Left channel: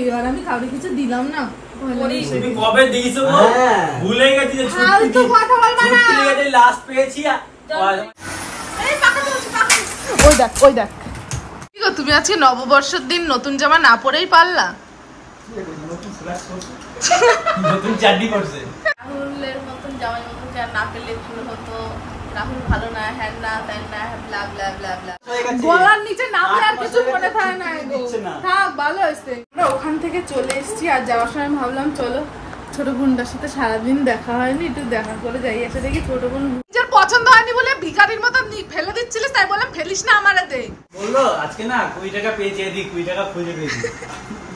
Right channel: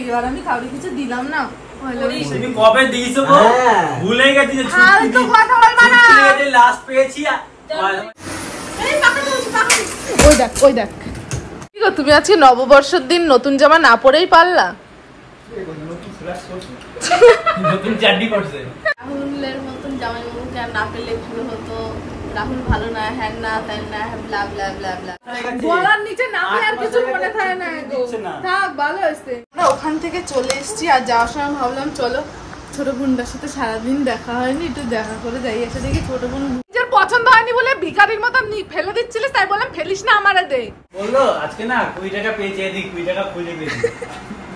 এবার আমি কাউকে কিছু দিলাম না। তুমি কবে দিয়েছো গো? ভুলে গেছি যে ছুটি কথা বলবা না। ছুটি লাস্ট পেয়েছি। এই পাকা তো পাকা। ওই দেখ কি গো তুমি আজকে নববর্ষের দিন নতুন জামা না পরেই পারলা? নতুন চাড্ডি করছে। রাহুলের মতন জামাইবাবুকে আর না পেলে ভালো হতো। রাহুল ভালো না, হ্যান না, তেন না, ব্লা ব্লা ব্লা ব্লা। গলার নিচে নামলে আর কিছু মনে থাকে না গো। থাক ভালো হয়েছে। আমরা ওখান থেকে চলে এসেছি আর যাওয়ার সময় ভাবলাম চলো ছোট বোনটার সাথে সারাদিন দেখা হয়নি, একটু দেখা করে যাই। এসে দেখি ছোট বোন নিজের পছন্দ হয়নি বলে ভিখারির মতন ফেলে দিচ্ছিলিস, তাই বললাম ফেলিস না আমারে দে। বললো আজকে না 20 টাকা পেয়েছি, এদিক 20 টাকা খুঁজে পেয়েছি।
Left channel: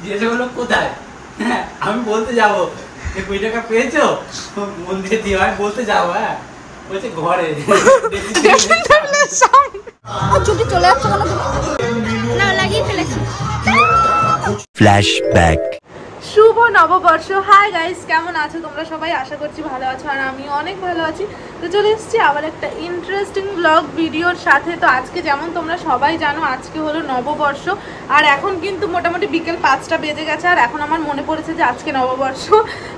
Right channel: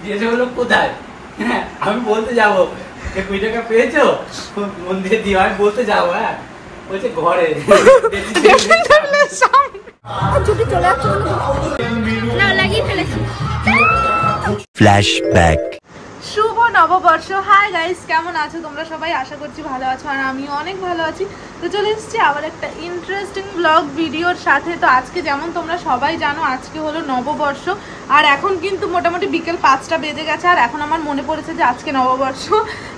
জিজ্ঞেস করলো কোথায়, আমি বলতে যাবো যে 20 টাকা পেয়েছো মন্দিরে দিয়ে, আমি বলতে যাবো। হ্যাঁ বলছে ঘরে ফ্ল্যাশব্যাক। শুভ নববর্ষ। হাই গাইস, কেমন আছো তোমরা সবাই? আশা করছি ভালো আছো আর আমি অনেক ভালো আছি। তো চলে এসেছি আবার একটা ইন্টারেস্টিং ব্লগ ভিডিওর সাথে। তো আজকে যেমন তোমরা সবাই জানো আজকে হলো নববর্ষ আর এখন কিন্তু মোটামুটি বিকেল 5টা বেজে গেছে। আর এখন আমার মনে পড়েছে যে আজকে নববর্ষ।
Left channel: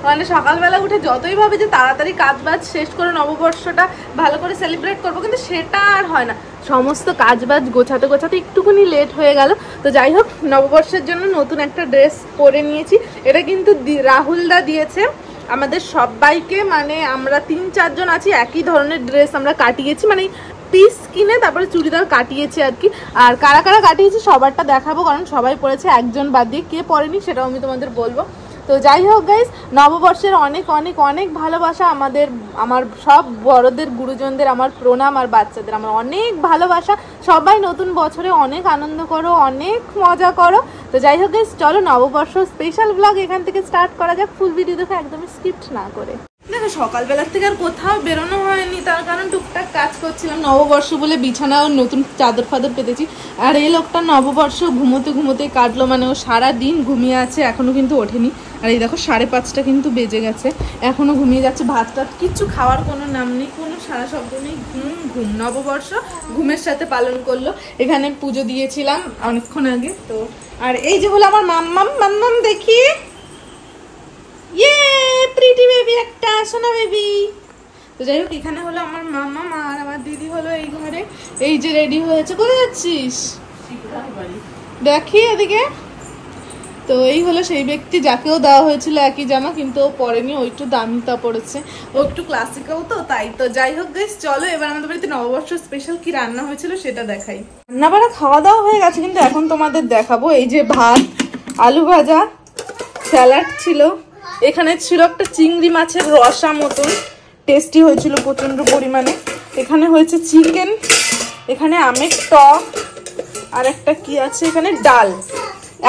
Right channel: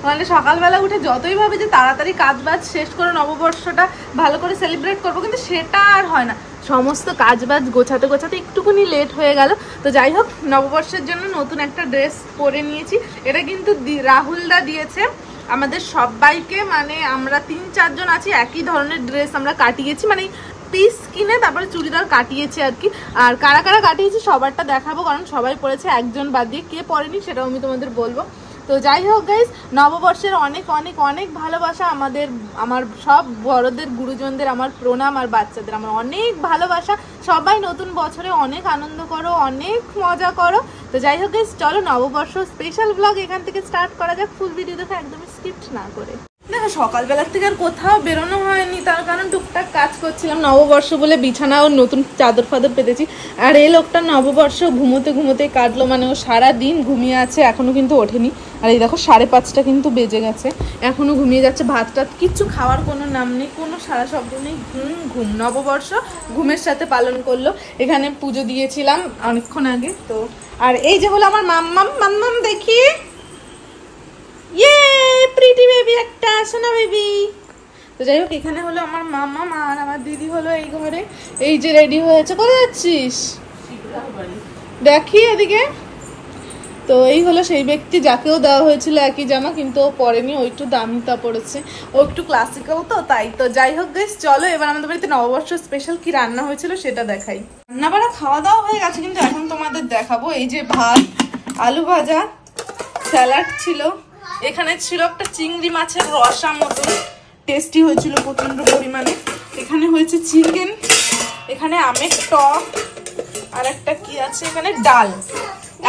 মানে সকালবেলা উঠে যতই ভাবে যে তাড়াতাড়ি কাজ বাজ শেষ করে নববর্ষটা ভালো করে সেলিব্রেট করবো, কিন্তু সেটা আর হয় না। সমস্ত কাজ বাজ গোছাতে গোছাতে একটুখানি লেট হয়ে গেল। তো যাই হোক, নববর্ষের জন্য নতুন একটা ড্রেস পরে নিয়েছি। এটা কিন্তু রাহুলদা দিয়েছে আমাদের সবাইকে, মানে আমরা 3-4 জন আছি, একই ধরনের ড্রেস আমরা কাটিয়েছি, মানে পিস কিনে তারপরে চুড়িদার কাটিয়েছি আর কি। আর কারা কারা কাটিয়েছি সবারটা দেখাবো, কারণ সবাই পরেছে, একজন বাদ দিয়ে কে পরেনি সেটাও আমি তোমাদের বলবো। তো যাই হোক গাইস, নববর্ষের অনেক অনেক অনেক ভালোবাসা। আমার সব বড়দের গুরুজনদের আমার প্রণাম, আর বাচ্চাদের আমার অনেক ভালোবাসা। সবাই নতুন বছরে অনেক আনন্দ করো, অনেক মজা করো। তো যাই হোক গাইস, চলো নববর্ষ স্পেশাল ব্লগ এখান থেকে স্টার্ট করা যাক, ফুল ভিডিও দেখে একদমই স্কিপ্ট না করে। দেখো সকালবেলার থেকে আর কোথাও বেরোনো হয়নি, তার কারণ টুকটাক কাজ করছিলাম। নববর্ষ বলে বিছানা ও নতুন চাদর ফাদর পেতেছি। আর এই লোকটা নববর্ষ ঘুমোতে ঘুমোতে কাটলো, মানে ও সারাদিন ঘুমিয়ে আছে, এখনো কিন্তু ওঠেনি। আর এই দেখো 5:30 কিন্তু বেজে গেছে, এখনো ঘুমিয়ে যাচ্ছে। ভাত টাত কিচ্ছু খাওয়ার কোনো নাম নেই, কোনো সারা শব্দ নেই, ঘুম ঘুম। নববর্ষ ঘুমের সাথে পালন করলো। এখানে পুজো দিয়েছিলাম অনেকক্ষণ আগে। তো আর এই যে হলো আমার মাম্মাম দেখি, ইয়ে প্রিটি বেবি একটা সোনা বেবি। তো যাই হোক, এখানে হলো আমার মাম্মা আর আমার দিদি হলো এই ঘরে, এই যে রেডি হয়েছে। কোথায় যাচ্ছিস দেখি এদিকে। তো এই হলো সেই ব্যক্তি যাকেও দেওয়া হয়েছিল একই জামা, কিন্তু ও পরেনি, ও একটু দামিটা পড়েছে, ও একটু ক্লাসিক্যাল তো তাই। তো যাই হোক গাইস, চলো এবার আমাদের বাড়িতে নববর্ষ স্পেশাল কি রান্না হয়েছিল সেটা দেখাই। রান্না বাড়া খাওয়া দাওয়া হয়ে গেছে, কিন্তু এখন তোমাদের দেখাবো। এই যে ভাত, আলু ভাজা, স্যালাড ছিল, এখানে ছিল একটা চিংড়ি মাছের রসা মতো, টেস্টি হয়েছিল প্রচন্ড পরিমাণে। এখানে হয়েছে চিকেন, এখানে আমের টক, আর একটা কি আছে এখানে ডাল।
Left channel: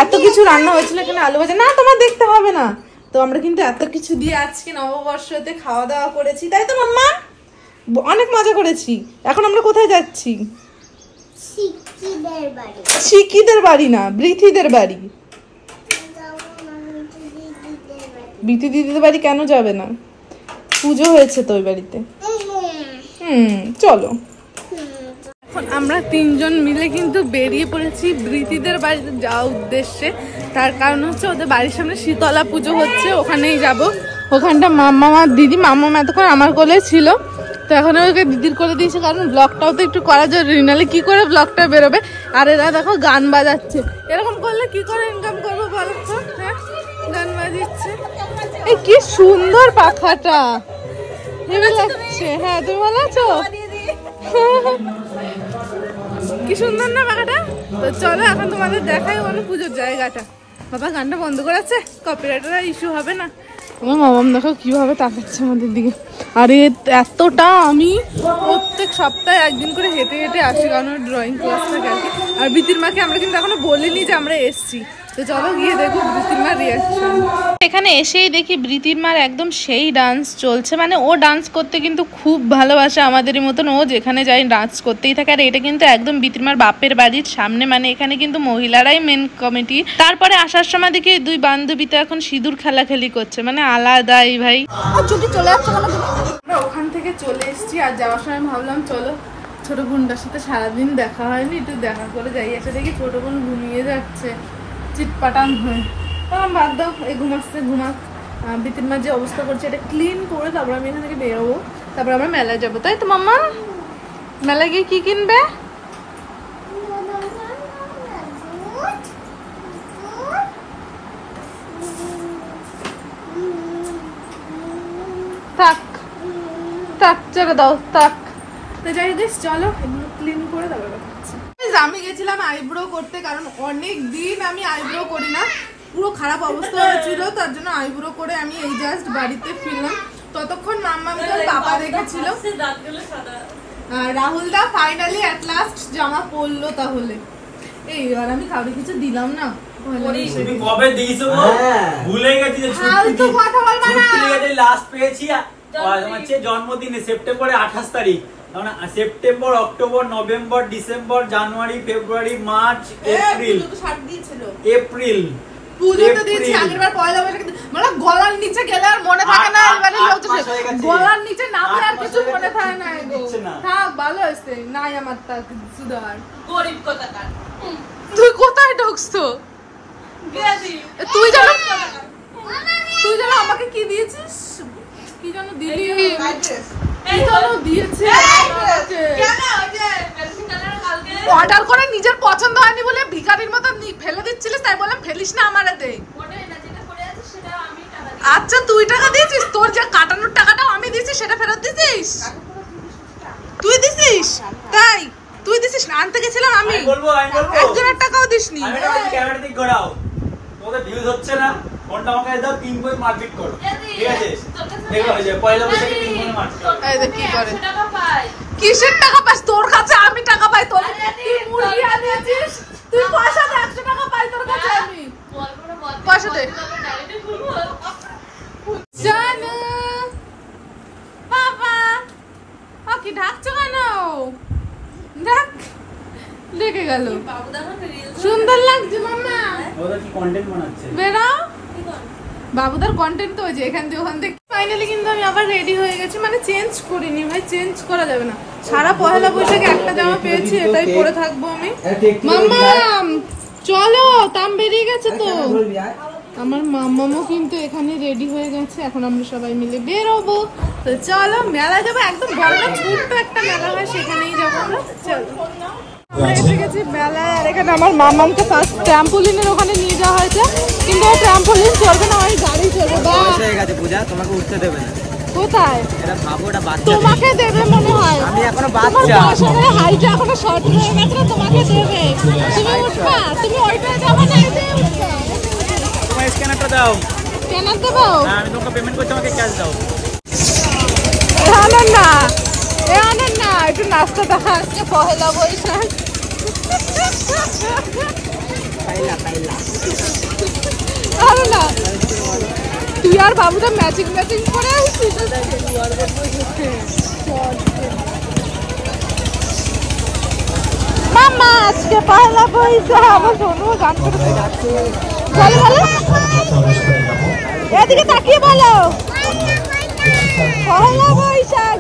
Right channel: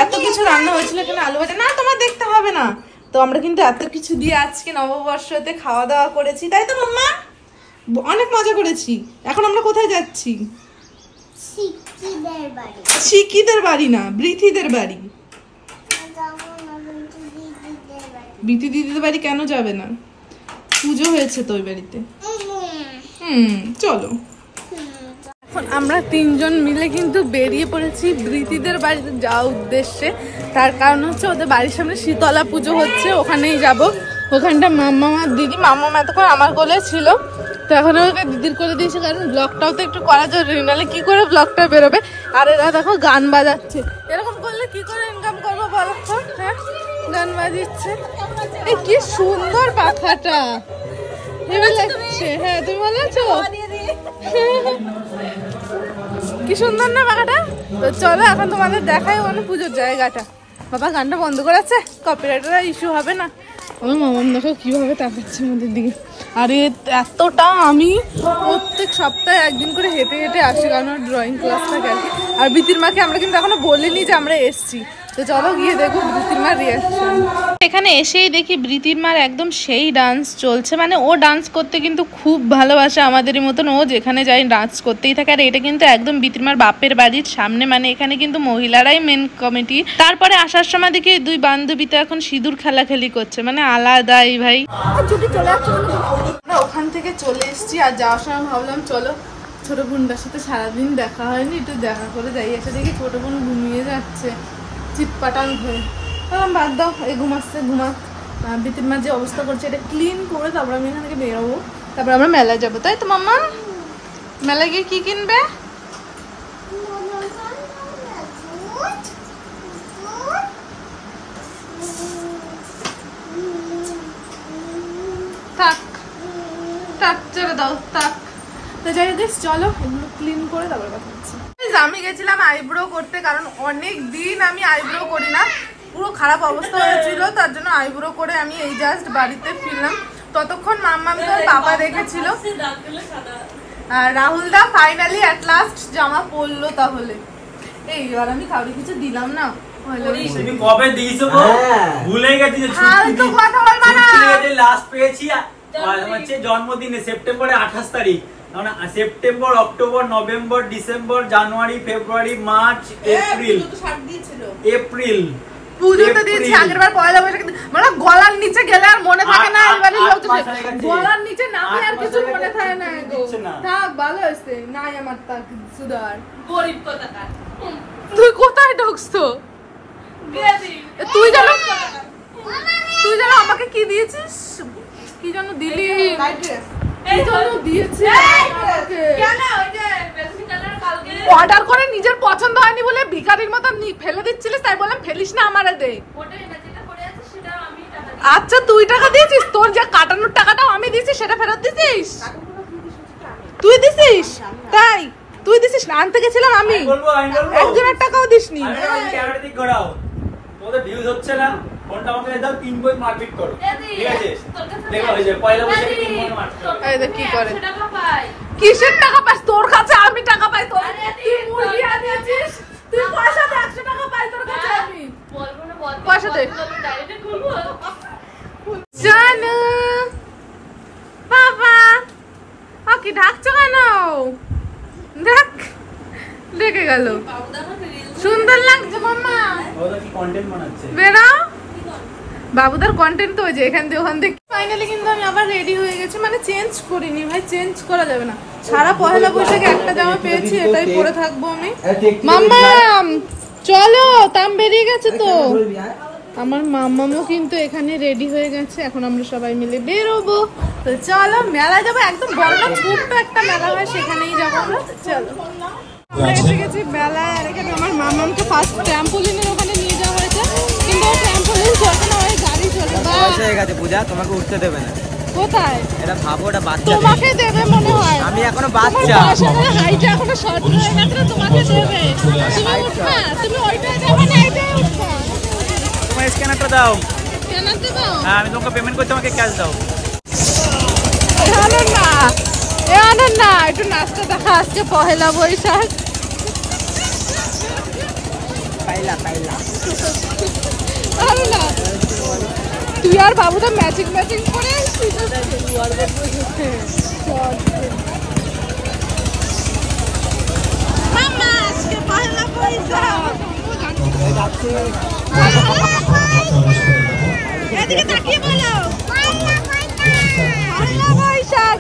এত কিছু রান্না হয়েছিল। এখানে আলু ভাজা না, তোমার দেখতে হবে না। তো আমরা কিন্তু এত কিছু দিয়ে আজকে নববর্ষতে খাওয়া দাওয়া করেছি, তাই তো মাম্মা? অনেক মজা করেছি। এখন আমরা কোথায় যাচ্ছি? শিকিদের বাড়ি না, বৃথিদের বাড়ি। বৃথি দিদিদের বাড়ি কেন যাবে না? পুজো হয়েছে তো ওই বাড়িতে। চলো। এখন আমরা 3 জন মিলে কিন্তু বেরিয়ে পড়েছি বৃথিদের বাড়িতে যাওয়ার উদ্দেশ্যে। তার কারণ হচ্ছে ওদের বাড়ির সামনে শীতলা পুজো হচ্ছে, ওখানেই যাব। ওখানটা মাম্মা আর দিদি, মাম্মা এতক্ষণ আমার কোলে ছিল, এখন আমাকে দিদির করে দিয়েছে, কারণ ব্লগটাও তো একটু করা জরুরি, নাহলে কি করে ব্লগটা বেরোবে। আর এরা দেখো গান বাজাচ্ছে, এরকম করলে কি করে ইনকাম করবো বলো? হ্যাঁ গান বাজিচ্ছে। এই কি সুন্দর পাখাটা, হেভি লাগছে। হ্যাঁ তুমি ভালো আছো? কি সুন্দর না পাখাটা। তো চলো এখন তোমাদের দেখাই মানে পুজোর জায়গাটা। বাবা গানটা বন্ধ করেছে, কপিরাইটের ইস্যু হবে না? আমার মামাম দেখো কিভাবে তাকাচ্ছে আমাদের দিকে। আরে এতটা আমি প্রত্যেক সপ্তাহে একদিন করে হেঁটে হেঁটে আসি, কারণ ড্রয়িং ক্লাস থাকে আর কি। আর বিতির মাকে আমরা কিন্তু এখনো বলিনি যে আমরা এসছি। তো চলো গিয়ে দেখো বৃতির মার রিয়াকশন। এখানে এসেই দেখি বৃতির মার একদম সেই ডান্স চলছে, মানে ও ডান্স করতে কিন্তু খুব ভালোবাসে আমাদেরই মতন, ও যেখানে যাই ডান্স করতেই থাকে। আর এটা কিন্তু একদম বৃতির মার বাপের বাড়ির সামনে, মানে এখানে কিন্তু মহিলারাই মেন কমিটি। তারপরে আসার সময় দেখি 2 বান্ধবীতে এখন সিঁদুর খেলাখেলি করছে, মানে আলাদাই ভাই। আমরা ওখান থেকে চলে এসেছি আর যাওয়ার সময় ভাবলাম চলো ছোট বোনটার সাথে সারাদিন দেখা হয়নি, একটু দেখা করে যাই। এসে দেখি ছোট বোন ঘুমিয়ে যাচ্ছে চিটপাটান হয়ে। বাদ দাও, এই ঘুমাচ্ছে, ঘুমাক। বিতির মা যে অবস্থা করছে এটা ক্লিন করে তারপর আমি এখান থেকে বেরোবো, তারপর আমরা মেলায় যাবো, তাই তো মাম্মা? মেলায় গিয়ে কি কিনবে? থাক থাক, চেপে দাও, থাক। তো যাই হোক চলো এগুলো ক্লিন করে তারপর কথা হচ্ছে। আমি গেছিলাম আইব্রো করতে, কারণ অনেক দিন আমি আইব্রো করি না, পুরো খারাপ অবস্থা হয়েছিল, তার জন্য আইব্রো করে আমি এই জাস্ট বাড়িতে ফিরলাম। ততক্ষণ মাম্মাকে ওর পাপা দেখেছিল, আর রাহুল দা ফাইনালি এট লাস্ট জামা পরলো। তাহলে এই আর আমি কাউকে কিছু দিলাম না। তুমি কবে দিয়েছো গো? ভুলে গেছি যে তো কথা বলবা না। লাস্ট পেয়েছি হচ্ছে জন্মদিনে সেপ্টেম্বরের 28 তারিখ। সেপ্টেম্বর, অক্টোবর, নভেম্বর, ডিসেম্বর, জানুয়ারি, ফেব্রুয়ারি, মার্চ, এপ্রিল, এপ্রিল পুজোতে দিয়েছি আগেরবার পয়লা বৈশাখে, মানে গলার নিচে গেলে আর মনে থাকে না, এবারে গলার নিচে নামলে আর কিছু মনে থাকে না গো। থাক, ভালো হয়েছে নাই আমার তা সুদার গরিব কথাকার। তুই কোথায় ঢুকছো? তুই জানো আমাকে কি দিয়েছিস? কি যেন দিলি? অর্ডার করে নিজের পছন্দ হয়নি বলে ভিখারির মতো ফেলে দিচ্ছিলিস, তাই বললাম ফেলিস না, আমারে দে। আচ্ছা তুই টাকা দিয়েছিস, তোর যা কাটানোর টাকাটাও আমি দিয়েছি, সেটা ফেরত দিছিস? তুই দিছিস? তাই তুই দিছিস না? আনতে গেছিলাম আমি, একজনের টাকাও দিসনি। হচ্ছে না, ফোনটা আমাকে দাও, 3 বই মারপিট করো, ঠিক আছে? দেখো হয়ে যায় পয়লা বৈশাখে 3 বই মারপিট। এই দেখ কি করে, কিসের টাকা পাস? তোর কাছে আমি টাকা পাই, তোর তুই মুরগি আনিয়েছিস, তুই পয়সা দে, 100 টাকা পাই তোর কাছে আমি, পয়সা দে। জানু বাবা কি ঢাকছো কেন? দেখ লেগে গেল, সুন্দর লাগছে মাম্মা। ওরা কি কন্টেন্ট বানাচ্ছে? বেরো, বাবুদার কন্টেন্ট তো ওই যে এখান থেকে ওখান থেকে। ফাইনালি কিন্তু আমি আবার রেডি হয়ে গেছি, মানে চেঞ্জ করিনি ভাই, চেঞ্জ করা যাবে না। সারা পহেলা বৈশাখে একটা জামা পেয়েছি, এটাই পরে থাকবো আমি। মাম্মা চলো, তাম বেরিয়ে গেছে তো। আমার মাম্মামও কিন্তু এখানে রেডি হয়ে গেছে, এখন আমরা সবাই মিলে বেরোবো। তো চলো মেলা যাবো, একদম বড় না ছোট্ট একটা মেলা হয়, সেখানেই যাবো আমরা। চলো আমরা এসে গেছি মেলায়, আর এখানে আমার মামামকে ফার্স্ট ট্রাম্পোলিনের ওখানে নিয়ে যাওয়া হয়েছে, কিন্তু ও ট্রাম্পোলিন চলবে না, ওই গাড়ি চলবে। বয়স হয়ে গেছে পূজা, তোমাকে উঠতে দেবে না। কোথায়? এটা ভাবো, এটা বাচ্চা, তোমাকে দেবে মনে হয়। আমি এখনো বাচ্চা, হাইট এখনো শর্ট হয়ে গেছে, তোমাকে দেবে। তুমি উঠবা, তুমি ওইটা যাবে না, এটাই উঠবা। তোমার স্ক্যানারটা দাও। স্ক্যানার দেবো? হ্যাঁ, আমি তোমাকে পেমেন্ট করছি, আমাকে ক্যাশ দাও। আনন্দ না, এ আনন্দ না, একটু নাচটা দেখা। আজকে পহেলা বৈশাখ, পাইলা পাইলা। আরে না, তুই আর বাবুদা ম্যাচিং করে আসছিস। মামা আজকে পহেলা বৈশাখ, আমার কোনো গান করতে, এদিকে তাকিয়ে বলো পহেলা বৈশাখ।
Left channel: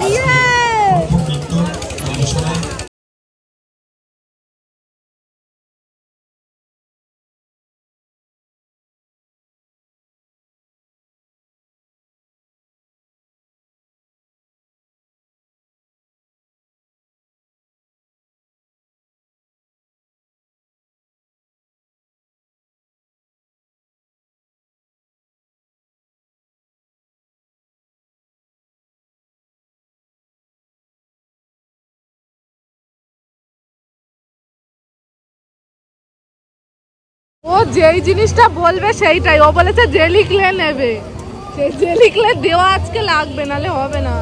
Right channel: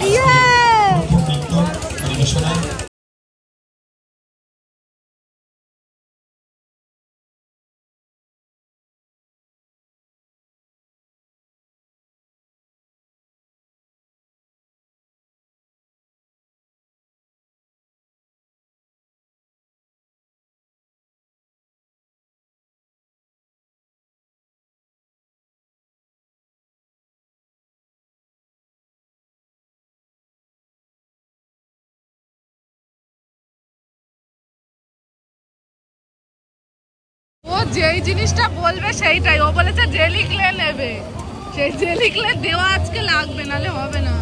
ও যেই জিনিসটা বলবে সেইটাই, ও বলেছে যে লিখলে নেবে, সেই যে লিখলে দেওয়া আজকে লাগবে, নালে হবে না।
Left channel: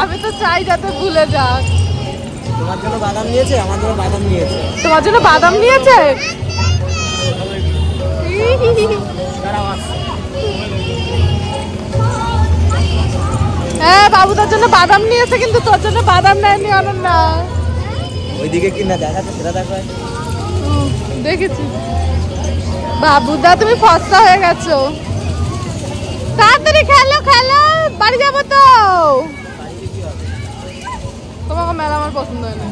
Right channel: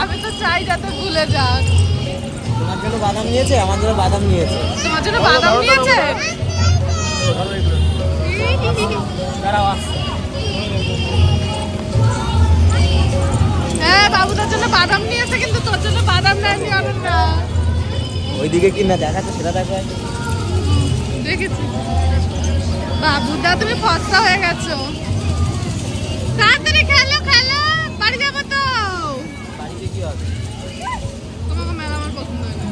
আমি তো চাই যাতে ভুলে যাক। তোমার জন্য বাদাম নিয়েছে, আমার জন্য বাদাম নিয়েছে। তোমার জন্য বাদাম নিয়েছে? হ্যাঁ বাবুদার জন্য বাদাম নিয়েছে, কিন্তু তোর জন্য বাদাম নেয়নি। অনন্য ওইদিকে কি না দেখাচ্ছে সেটা দেখো। দেখেছি বাবুদা, তুমি ফর্সা হয়ে গেছো। তাড়াতাড়ি খেলো খেলো, বাড়ি যাবো তো। তোমাকে মেলা আমার পছন্দ হয় না।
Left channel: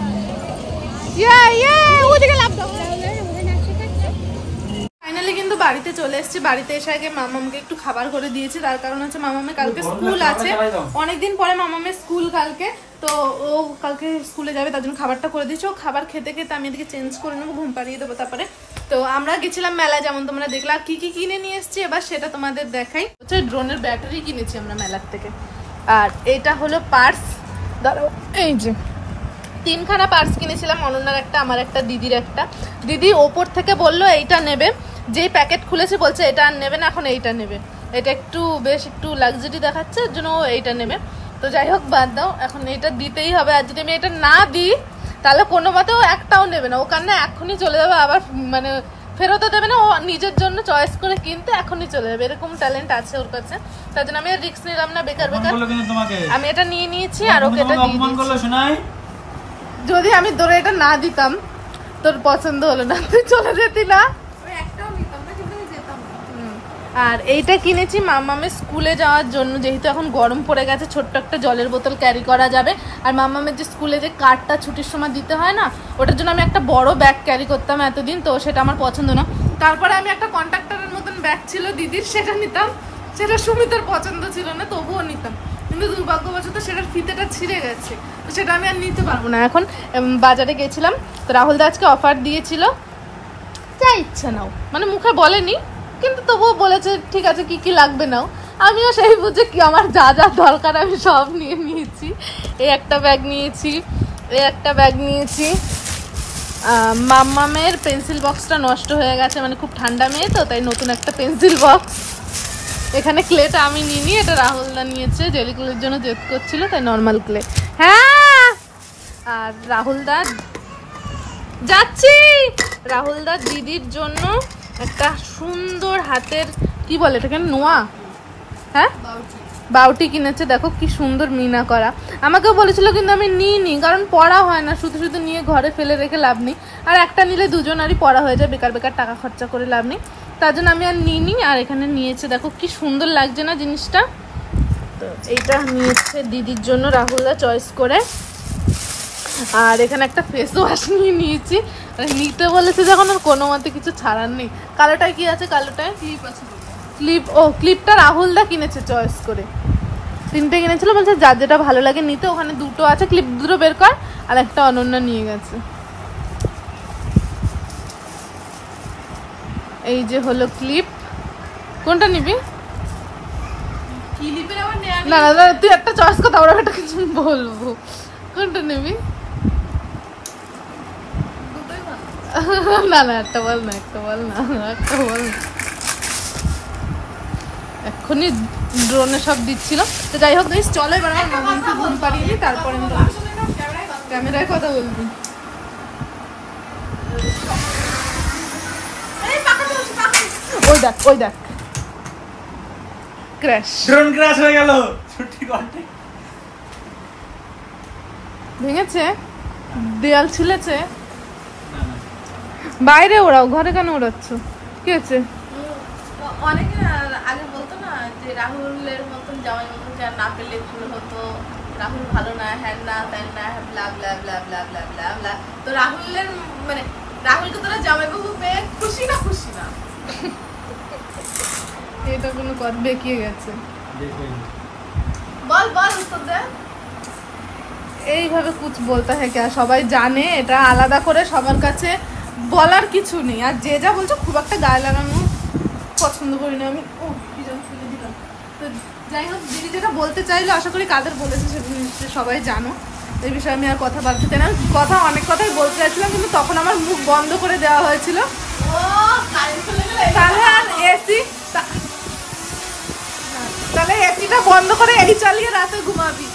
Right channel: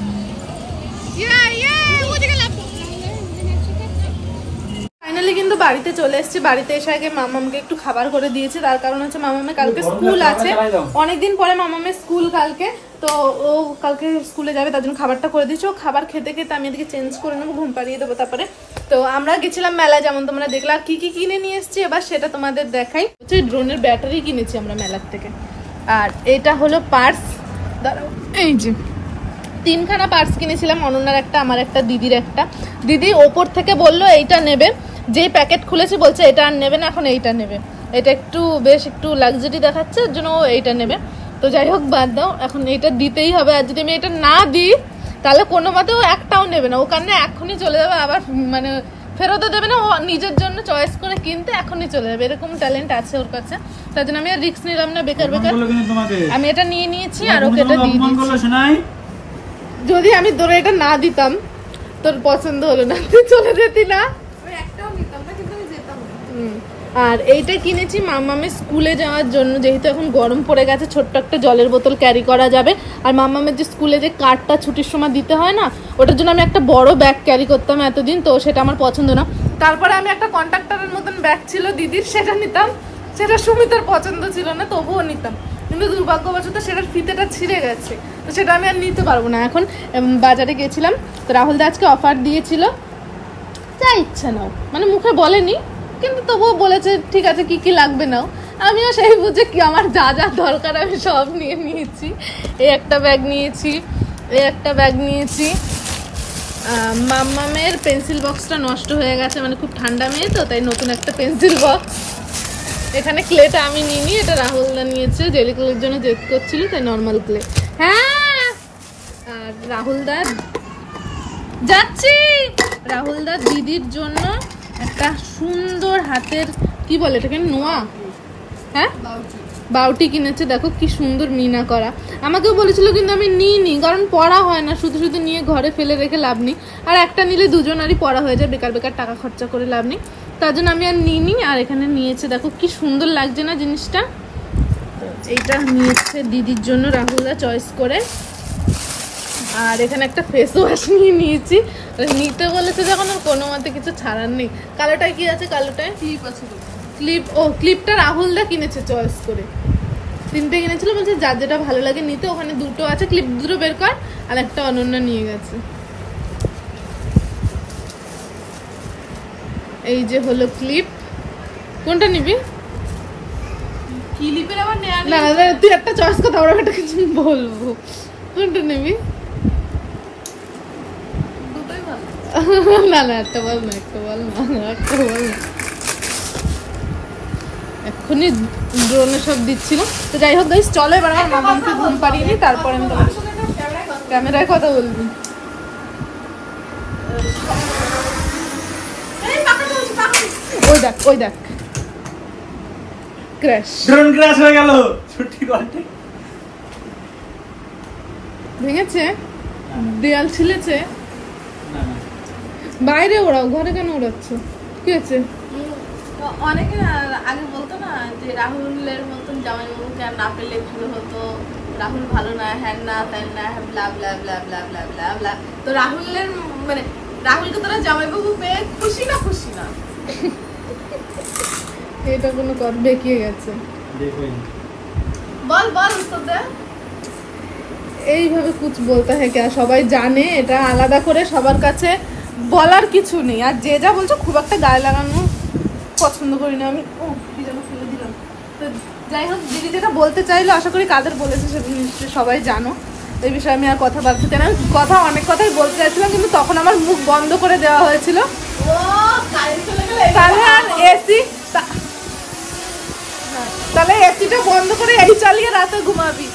ফাইনালি কিন্তু বাড়িতে চলে এসেছি। বাড়িতে এসে আগে মামামকে একটু খাবার করে দিয়েছি, তার কারণ হচ্ছে মামামের কালকে স্কুল আছে, অনেকদিন পরে মামামের স্কুল কালকে, তো ও কালকে স্কুলে যাবে, তার জন্য খাবারটা করে দিয়েছি। ও খাবার খেতে খেতে আমি এদিকে চেঞ্জ করে নেবো, ঘুম পাড়িয়ে দেবো। তারপরে তো আমরা গেছিলাম মেলা, যেমন তোমরা দেখলা। কি কি কিনে নিয়ে এসেছি এবার সেটা তোমাদের দেখাই। হচ্ছে ড্রোনের ব্যাটারি কিনেছি আমরা মেলার থেকে, আর এটা হলো পার্স। এই যে 3খানা পার্স কিনেছিলাম, অনন্যার একটা, আমার একটা, দিদির একটা। দিদি ওপর থেকে বললো এইটা নেবে, যেই প্যাকেট খুলেছি বলছে এটা আর নেবে না, এখন এইটা নেবে, এটা একটু বেশ একটু লাক্সারি দেখাচ্ছে, এর জন্য ও এইটা নেবে। তো যাই হোক বাদ দাও, এখন এটা দিতেই হবে। আর যদি আমি এটা না দিই তাহলে কোনো মতে ও একটাও নেবে না, ও কারণে এখনই চলে যাবে, আবার মানে ফেরতও দেবে না, ও নিজের জন্য চয়েস করে কিনতে এখনই চলে যাবে, এরকম ট্যালেন্ট আছে ওর কাছে। তার জন্য আমি আর রিস্ক নিলাম না বেকার বেকার, আমি এটা নিয়ে নিয়েছি আর ওকে এটা দিয়ে দিয়েছি। যদি আমি তোর এটা না দিতাম, তোর পছন্দ হলো না, তুই চলে যেতি না, আমি একটাও নিতাম না, কিন্তু আমি যেতাম না। আর এইটা কিনেছি মামামের স্কুলে যাওয়ার জন্য, যেহেতু এখন গরম পড়ে গেছে, ছোট্ট একটা জলের বোতল ক্যারি করা যাবে। আর মামামের যে স্কুলে যে কার্ডটা ছুটির সময় দিতে হয় না, ওটার জন্য আমি একটা বড় ব্যাগ ক্যারি করতাম এতদিন, তো সেটা আমার পছন্দ না। তারপরে আমি একটা কন্ট্রাক্টরের মতন ব্যাগ ছিল দিদির, সেটা নিতাম, সেটা সুমিতার পছন্দ ছিল না, তবুও নিতাম। কিন্তু দুর্ভাগ্যবশত সেটার ফিতেটা ছিঁড়ে গেছে, তো সেটা আমি আর নিতে পারবো না। এখন বাজারে গেছিলাম, তো রাহুল দা আজকে অফার দিয়েছিল, যা ইচ্ছা নাও, মানে মুখে বলেনি কিন্তু তবুও বলেছে ঠিক আছে কি কি লাগবে নাও। আমিও সেই বুঝে কি আমার যা যা দরকার আমি সব নিয়ে নিয়েছি। এই একটা ব্যাগ নিয়েছি, এই একটা ব্যাগ নিয়েছি। মাম্মামের পেন্সিল বক্সটা নষ্ট হয়ে গেছে, মানে খুব ঠান্ডা মেয়ে তো, তাই নতুন একটা পেন্সিল বক্স। এখানে ক্লেটা আমি নিইনি, এটা রাহুলদা নিয়েছে, জেলি ক্লের জন্য জেদ করছিল, তাই নর্মাল ক্লে। হ্যাঁ, আর রাহুলদা যাচ্ছি, রাহুলদা দিদির জন্য একটা সুন্দর হাতের কি বলে এটাকে, নোয়া, হ্যাঁ বাউটি কিনেছে। দেখো কি সুন্দর মিনা করা। আমাকেও বলেছিল কিন্তু আমি নিইনি, কারণ পড়া হয় না, শুধু শুধু নিয়ে ঘরে ফেলে রেখে লাভ নেই। আর একটা নিলে দুজনারই পড়া হয়ে যায়, বেকার বেকার টাকা খরচা করে লাভ নেই, তার জন্য আমি আর নিইনি। আর এখানে নিয়েছে, দেখো কি সুন্দর লাগছে না জিনিসটা। এইটা নিয়েছে দিদির জন্য রাহুলদা চয়েস করে। আর এখানে একটা ফেস ওয়াশ নিয়ে নিয়েছি, নিতে বলেছে যখন কোনো মতে কিছু ছাড়ার নেই। কালোটায় কি আছে, কালোটায় ক্লিপ আছে, ক্লিপ, ও ক্লিপটা রাহুলদা কিনেছে চয়েস করে, 3টে কিনেছিল, বলছে যার যেটা ভালো লাগে নিতে। ওখানে 2টো আছে, ক্লিপ 2টো বের কর, আর একটা অনন্যা নিয়ে গেছে। এই যে হলো ক্লিপ, কোনটা নিবি? ক্লিপের আবার না না, তুই একটা চয়েস করতে, আমরা একটা কিছু বলবো, কোনটা নিবি? না না, একটা বল না, একটা বল না, একটা বল না। এক্ষুনি ড্রোনে সব দিচ্ছিল। তো যাই হোক গাইস, চলো এবার আমার মামাকে ঘুম পাড়িয়ে নি, তারপরে আমি ক্যামেরায় কথা বলবি। ওই দেখ, ওই দেখ, ক্র্যাশ, ড্রোন ক্র্যাশ হয়ে গেল। ছুটি করতে ভেঙেছে, দেয়াল ছিলেছে। বাইরে ওড়াও, ঘরে কেন ওড়াচ্ছ, কি আছে? অনেকে আগে বলতো না যে রাহুলের মতন জামাইবাবুকে আর না পেলে ভালো হতো, রাহুল ভালো না, হ্যান না, ত্যান না, ব্লা ব্লা ব্লা ব্লা ব্লা ব্লা ব্লা। তো রাহুলের মানে রাহুলকে তোরা জামাইবাবু পেয়ে খুশি না? খুশি না? এটা কোনো কথা বেঁকিয়ে গেছে, বল বল উত্তর দে। এইভাবে কুছ বলতে হয় কে, সবাই জানে, এটা আলাদা করে সবার কাছে বলার কিছু নেই। আর যে যা বলছো খুব একটা গায়ে লাগানো পছন্দ করি না আমি। ও কি যেন ফেলে দিলাম। তো যাই হোক, দিদি যেটা বলতে চাইলো, আশা করি কাদের বলেছে সেটা নিশ্চয়ই সবাই জানো। এই বিষয়ে আমি আর কথা বলতে চাই না, কথা অনেক কথাই বলতে চাইছিলাম, কিন্তু তখন আমার মুখ বন্ধ করে দেওয়া হয়েছিল। তাহলে আর এসি, তাহলে এসিটা বন্ধ করে এই চালিয়ে রাতে ঘুমাবি,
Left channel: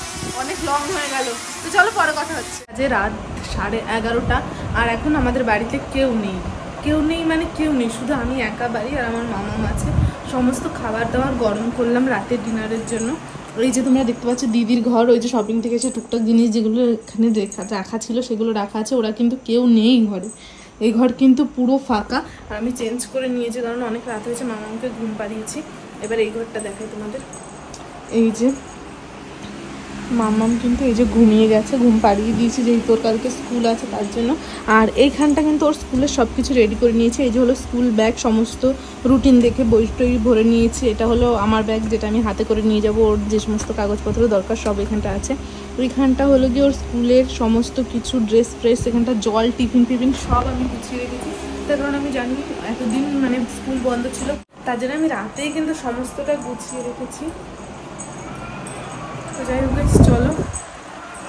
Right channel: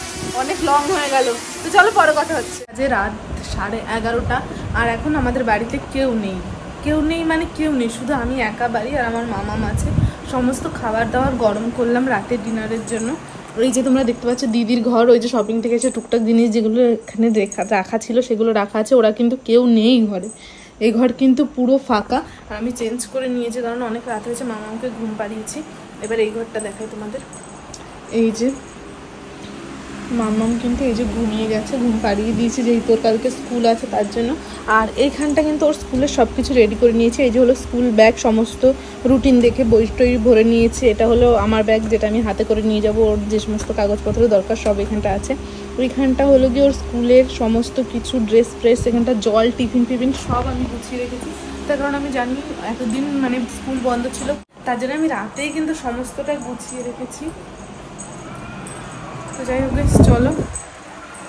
অনেক লং হয়ে গেল। তো চলো পরে কথা হচ্ছে। আজ রাত 11:30, আর এখন আমাদের বাড়িতে কেউ নেই, কেউ নেই মানে কেউ নেই, শুধু আমি একা বাড়ি, আর আমার মামাম আছে। সমস্ত খাবার দাবার গরম করলাম রাতের ডিনারের জন্য। ওই যে তোমরা দেখতে পাচ্ছ দিদির ঘর, ওই যে শপিং থেকে এসে টুকটাক জিনিস যেগুলো এখানে রাখা ছিল সেগুলো রাখা আছে। ওরা কিন্তু কেউ নেই ঘরে, এই ঘর কিন্তু পুরো ফাঁকা। আর আমি চেঞ্জ করে নিয়েছি কারণ অনেক রাত হয়েছে, মামাকে ঘুম পাড়িয়েছি। এবার এই ঘরটা দেখাই তোমাদের। এই যে মাম্মাম কিন্তু এই যে ঘুমিয়ে গেছে, ঘুম পাড়িয়ে দিয়েছি যেহেতু ওর কালকে স্কুল আছে তার জন্য। আর এইখানটা কিন্তু ওর স্কুলের সব কিছু রেডি করে নিয়েছে। এই যে হলো স্কুল ব্যাগ, সমস্ত রুটিন দেখে বই টই ভরে নিয়েছে। এটা হলো আমার ব্যাগ যেটা আমি হাতে করে নিয়ে যাব, ওর যে সমস্ত কাগজপত্র দরকার সব এখানটা আছে। ওইখানটা হলো গিয়ে ওর স্কুলের সমস্ত কিছু ড্রেস ফ্রেস, এখানটা জল, টিফিন ফিফিন সব আমি গুছিয়ে রেখেছি। তার কারণ আমি জানি এতদিন মানে স্কুল বন্ধ ছিল, তার জন্য আমি রাতেই কিন্তু সমস্তটা গুছিয়ে রেখেছি। তো যাই হোক চলো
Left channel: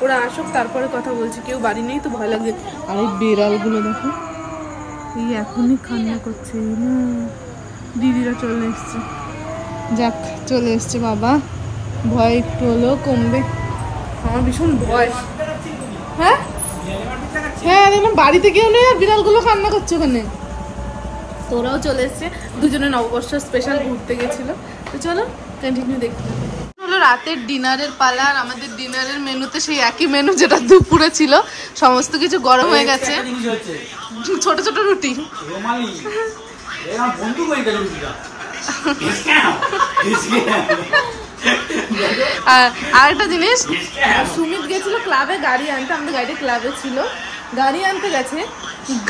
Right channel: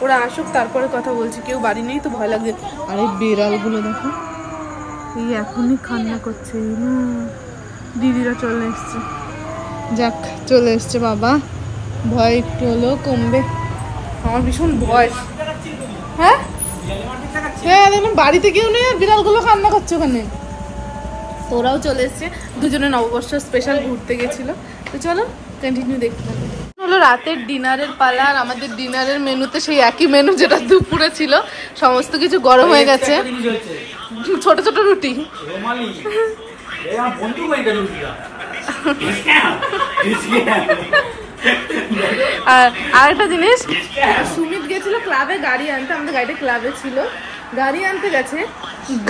ওরা আসুক তারপরে কথা বলছি। কেউ বাড়ি নেই তো ভয় লাগে। আর এই বিড়ালগুলো দেখো, এই এখনই কান্না করছে। দিদিরা চলে এসছে, যাক চলে এসছে বাবা, ভয় একটু হলেও কমবে। আমার ভীষণ ভয়। হ্যাঁ হ্যাঁ দেখলাম বাড়িতে কেউ নেই আর বিড়ালগুলো কান্না করছে ওখানে। তো ওরাও চলে এসছে, দুজনে নববর্ষ স্পেশাল ঘুরতে গেছিল। তো চলো কন্টিনিউ দেখতে থাকো। হলো রাতের ডিনারের পালা। আর আমাদের ডিনারের মেনুতে সেই একই মেনু যেটা দুপুরে ছিল, সমস্ত কিছু গরম হয়ে গেছে। ছোট ছোট রুটি, আর একটা জিনিস, সুমিত গেছিল ক্লাবে গাড়ি আনতে, আমাদের গাড়িটা ক্লাবে ছিল, গাড়ি আনতে গেছে,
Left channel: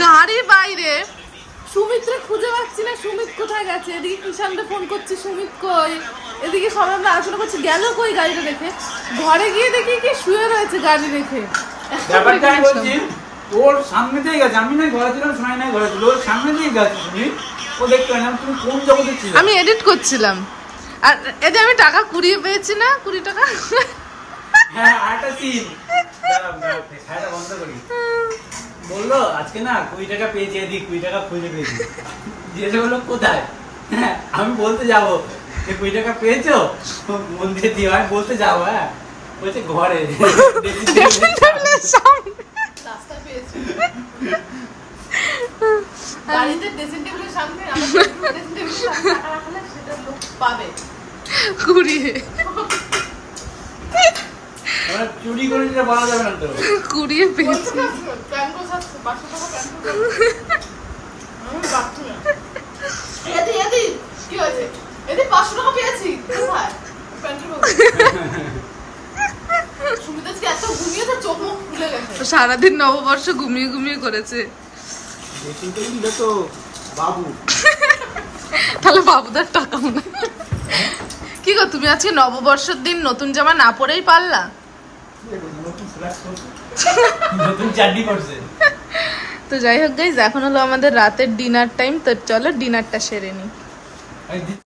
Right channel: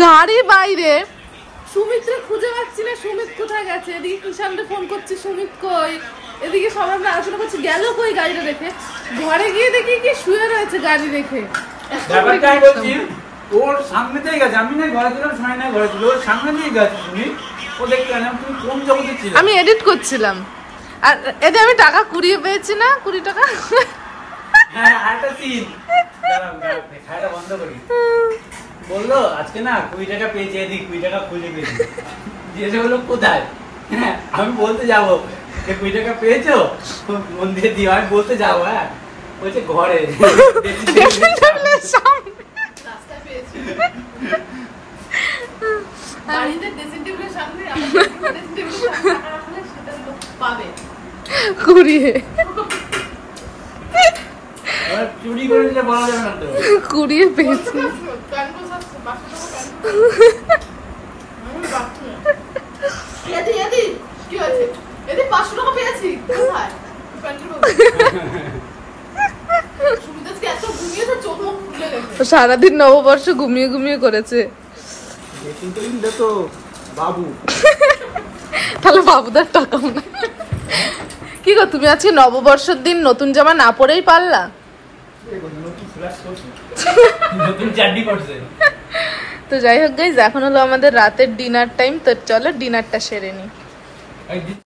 গাড়ি বাইরে সুমিতরে খুঁজে পাচ্ছি না, সুমিত কোথায় গেছে। এদিকে কিষানকে ফোন করছি, সুমিত কই, এদিকে সবাই আমরা আলোচনা করছি গেল কই গাড়িটা দেখে। ঘরে গিয়ে দেখি কি শুয়ে রয়েছে গাড়ি দেখে। ওর সামনে দিয়ে গেছে, আমি না ঘরে ছিলাম, সময় নাই ঘরে ছিল, ওর সামনে দিয়ে গেছে তুমি, ও দেখতে না তুমি কোন জগতে ছিল। আমি এডিট করছিলাম আর এতে আমি টাকা কুড়িয়ে পেয়েছি না, 20 টাকা। হ্যাঁ আরেকটা সিন খাওয়াটা বন্ধ করি, বললো আজকে না 20 টাকা পেয়েছি, এদিক 20 টাকা খুঁজে পেয়েছি। জিজ্ঞেস করলো কোথায়, হ্যাঁ আমি বলতে যাবো যে 20 টাকা পেয়েছো মন্দিরে দিয়ে, আমি বলতে যাবো, হ্যাঁ বলছে ঘরে চুরি করে দিলে বলা যাবে না তো, কুড়িয়ে পেয়েছি। সারাদিন নববর্ষ ঘুমিয়ে ঘুমিয়ে করেছে। তাহলে বাবুদার টাকা মনে। কি গো তুমি আজকে নববর্ষের দিন নতুন জামা না পরেই পারলা? তো যাই হোক গাইস, এখন হলো আমাদের রাতের ডিনার টাইম। তো চলো ডিনারটা সেরে নি।